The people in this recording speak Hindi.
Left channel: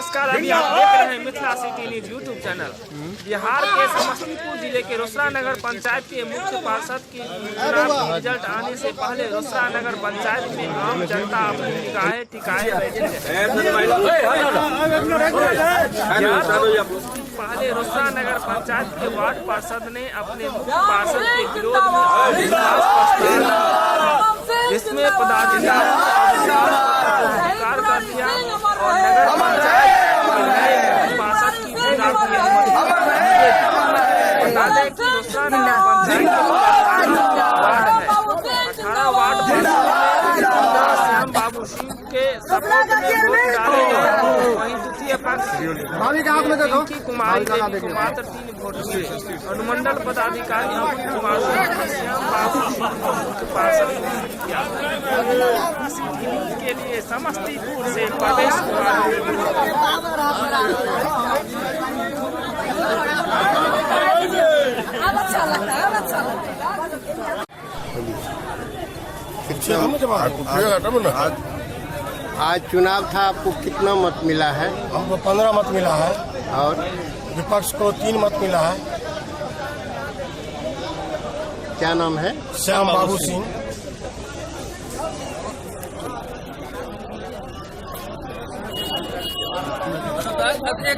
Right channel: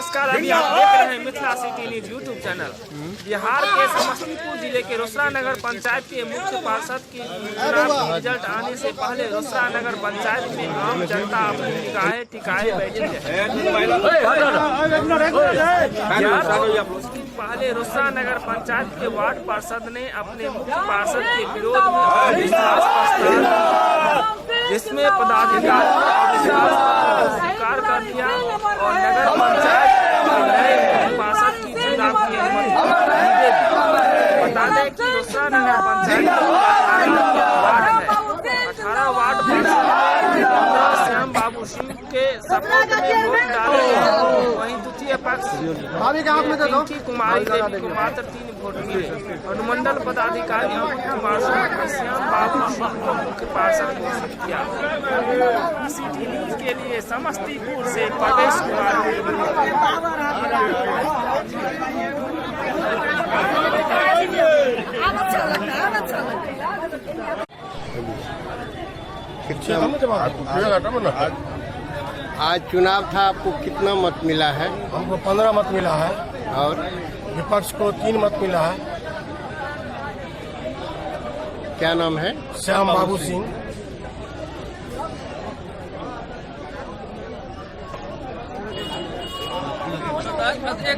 नमस्कार, अभी आप देख रहे हैं Mithila city news YouTube channel. Bihar के समस्तीपुर जिले के रोसड़ा नगर पंचायत के मुख्य पार्षद की चुनाव रिजल्ट आने से पहले रोसड़ा नगर पंचायत में आम जनता अपनी निगाहें टिकाए बैठी है। कुछ दिन पहले रोसड़ा नगर पंचायत के वार्ड पार्षद ने अपने मुख्य पार्षद के विरोध में अविश्वास प्रस्ताव, जिसमें पदाधिकारी ने अविश्वास पत्र को स्वीकार कर लिया और नगर पंचायत के नए मुख्य पार्षद की चुनाव की अनुमति दी गई। बता दें कि रोसड़ा नगर पंचायत के 18 वार्ड है। 18 वार्ड पार्षद में 15 श्याम बाबू सिंह के सपोर्ट में वोट डाले गए। वहीं द्वितीय पक्ष पिंकी कुमारी देवी को मात्र 3 वोट मिले। अनुमंडल पदाधिकारी अमन कुमार सिंह ने श्याम बाबू सिंह को मुख्य पार्षद घोषित किया। सिटी न्यूज के लिए समस्तीपुर से प्रवेश कुमार की रिपोर्ट। आज चुनाव था, आपको कितना मत मिला है? हमको 15 मत मिला है और विपक्ष को 3 मत मिला है। क्या नाम है? श्याम बाबू सिंह।